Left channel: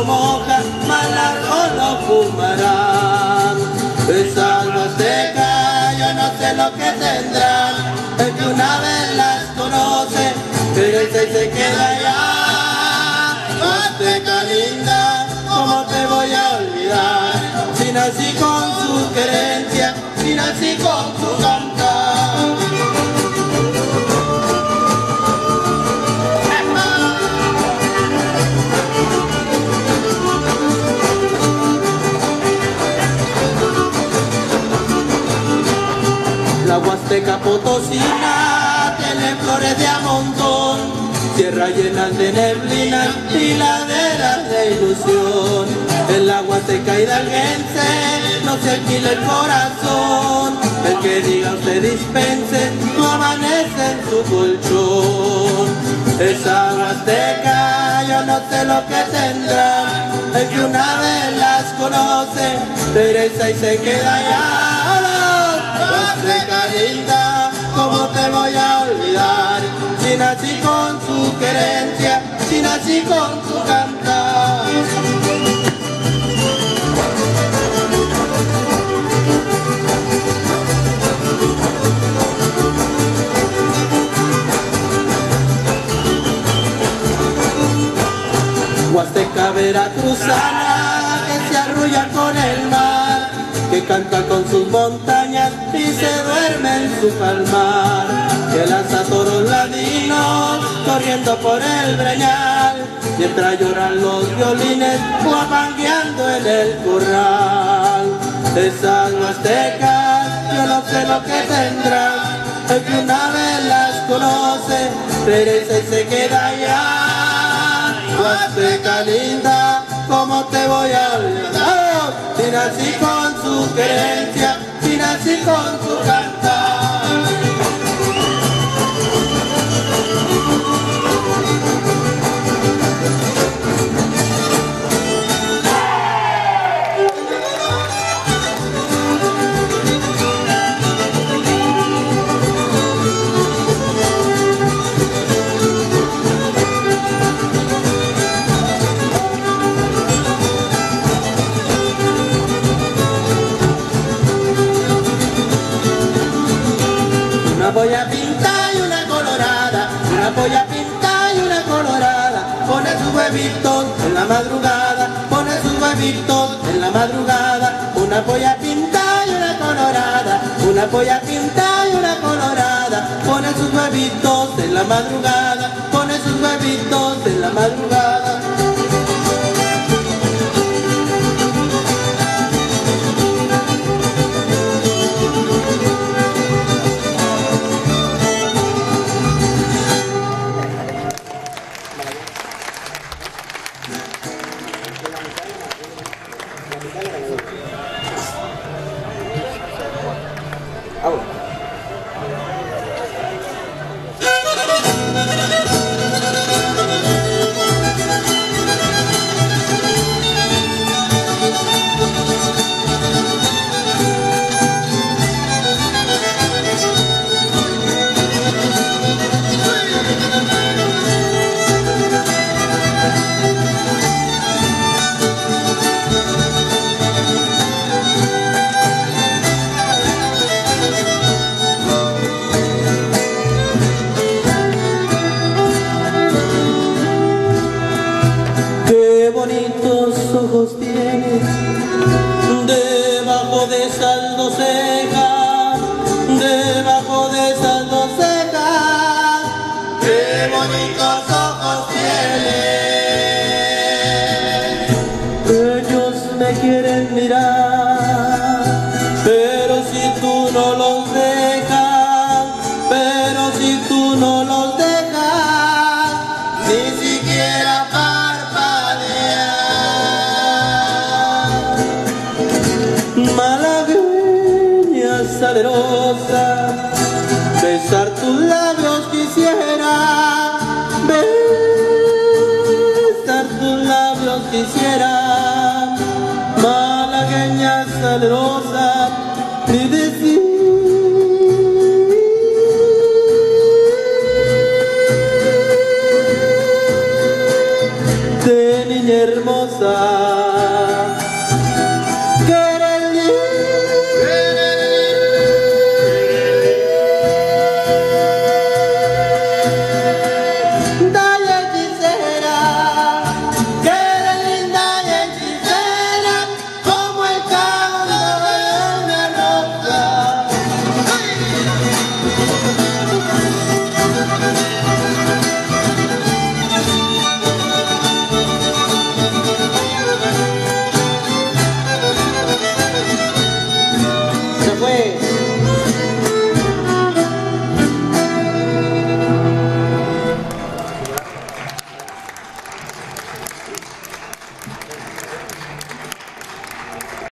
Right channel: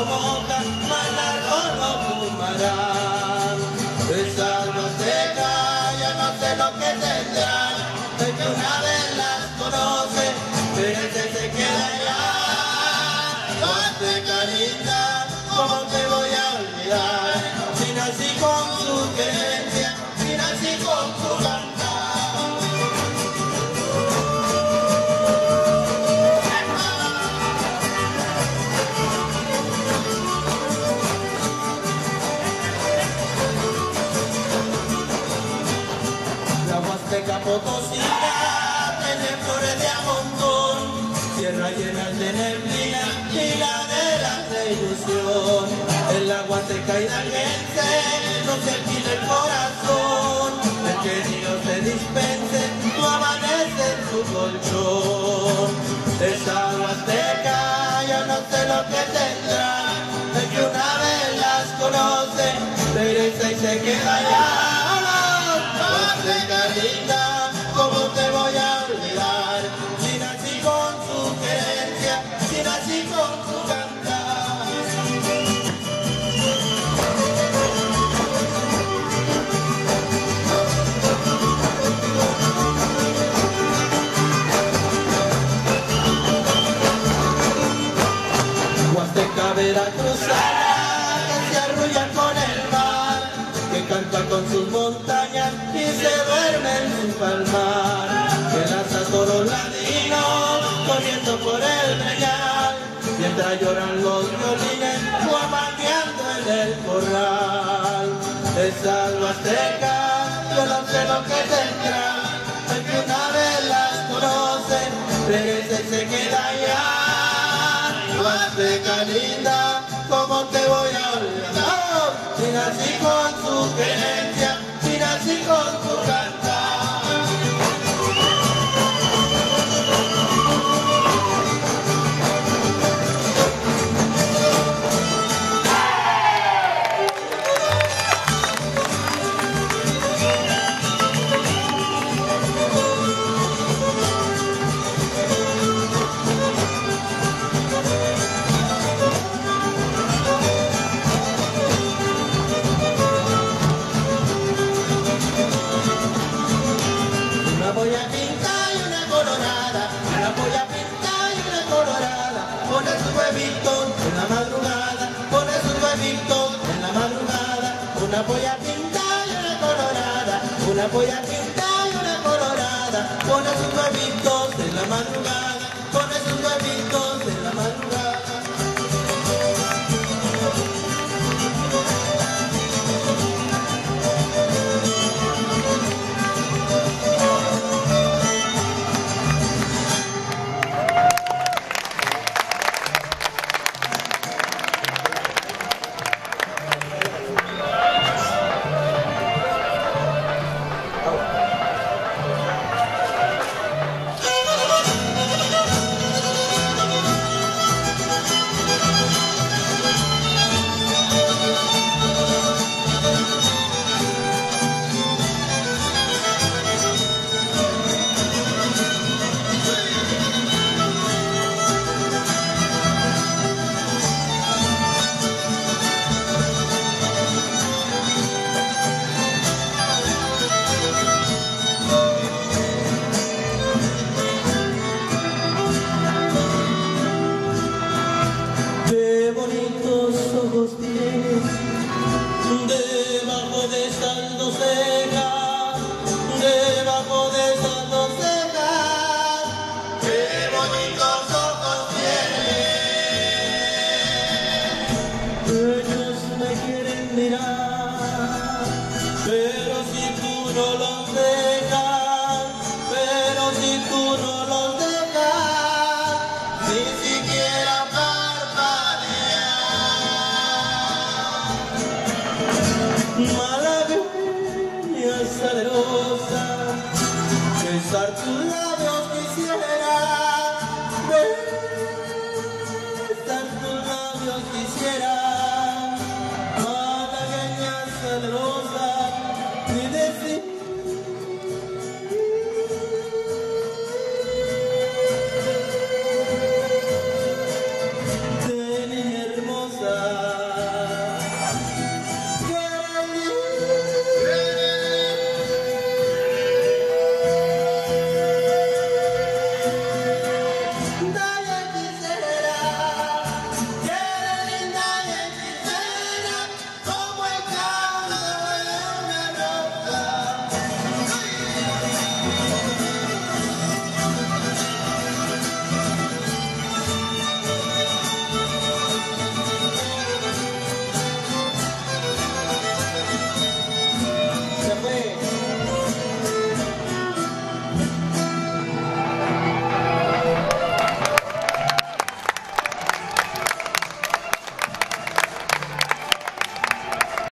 lo moja, más largo lo fumarán. Esas huastecas yo no sé lo que tendrán, el que una vez las conoce, regresa y se queda allá. Huasteca linda, ¿cómo te voy a olvidar? Si nací con su querencia, si nací con su cantar. La Huasteca Potosina tiene flores de a montón, tierras llenas de neblina y laderas de ilusión. En la Huasteca hidalguense no se alquila el corazón, el que diga usted dispense no amanece en su colchón. Esa Huasteca yo no sé lo que tendrá, el que una vez las conoce regresa y se queda allá. Huasteca linda, ¿cómo te voy a olvidar? Si nací con su querencia, si nací con su cantar. Huasteca veracruzana que se arrulla con el mar, que canta con sus montañas y se duerme en su palmar, que lanza toros ladinos corriendo por el breñal, mientras lloran los violines guapangueando en el corral. Esas huastecas yo no sé lo que tendrán, el que una vez las conoce regresa y se queda allá. Huasteca linda, ¿cómo te voy a olvidar? Si nací con su querencia, si nací con su cantar. Una polla pinta y una colorada, una polla pinta y una colorada, pone sus huevitos en la madrugada, pone sus huevitos en la madrugada. Una polla pinta y una colorada, una polla pinta y una colorada, pone sus huevitos en la madrugada, pone sus huevitos en la madrugada. Qué bonitos ojos tienes, debajo de esas dos cejas, debajo de esas dos cejas. Qué bonitos ojos tienes. Ellos me quieren mirar, pero si tú no los dejas, pero si tú no los dejas, ni siquiera malagueña salerosa, besar tus labios quisiera, besar tus labios quisiera, malagueña salerosa, y decir de niña hermosa. hermosa.